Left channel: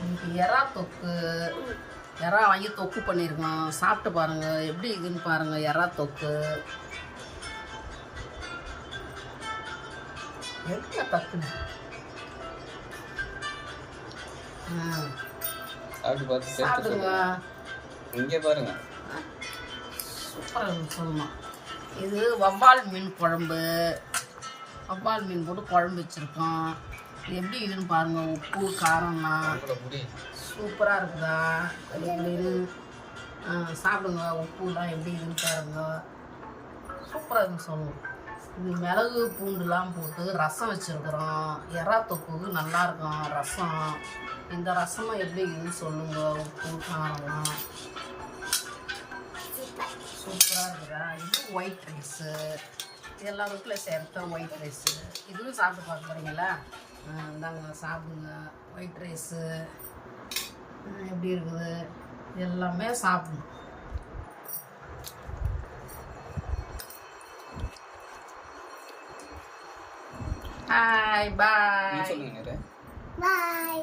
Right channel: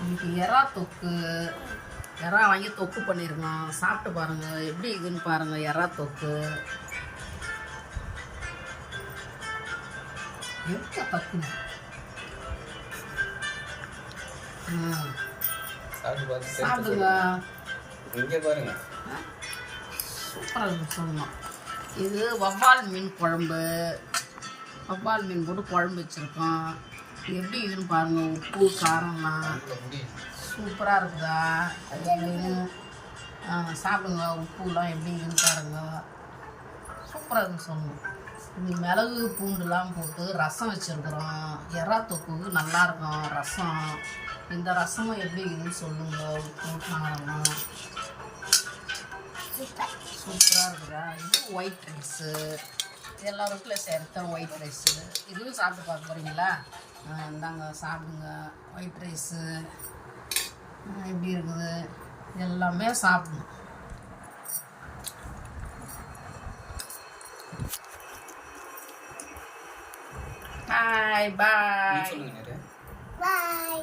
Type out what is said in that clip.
இன்னைக்கு எறா தொக்கு. எறா வாங்கி தொக்கு பண்ணியிருக்கோம் சாப்பிட்டு பாருங்க. எப்படி இதுன்னு பாருங்க எறா தொக்கு. பார்த்து taste சாப்பிடுங்க. இங்க பாருங்க. சூப்பராக சொல்லணும் இது வவ்வால் மீன் குழம்பு. வவ்வால் மீன் போட்டு குழம்பு வச்சுருக்கோம். எப்படி இதுன்னு பாருங்க உப்பு காரம்லாம் சூப்பராக இருக்குதா? அது எப்படின்னு சாப்பிடுங்க உப்புலாம் எப்படி இதுன்னு பாருங்க. சூப்பராக இருக்குன்னு சொல்லணும் இது மிளகு பூண்டுலாம் போட்டு ரசம் வச்சுருக்குறோம். எறா தொக்கு நல்லாயிருக்கும் ரசம். இந்த ரசமும் எப்படி இதுன்னு சொல்லுங்க உப்பு காரம் சூப்பராக இருக்குதா? இது ஒயிட் ரைஸு எல்லா வீட்டில் சேர்த்த ஒயிட் ரைஸு இதுவும் சாப்பிட்டு பார்க்க போகிறீங்களா இந்தாங்க சாப்பிடுங்க. ஒயிட் ரைஸு எப்படி இருக்குது? எல்லாமே சாப்பிடணும். ஹாய் பாய் பாய்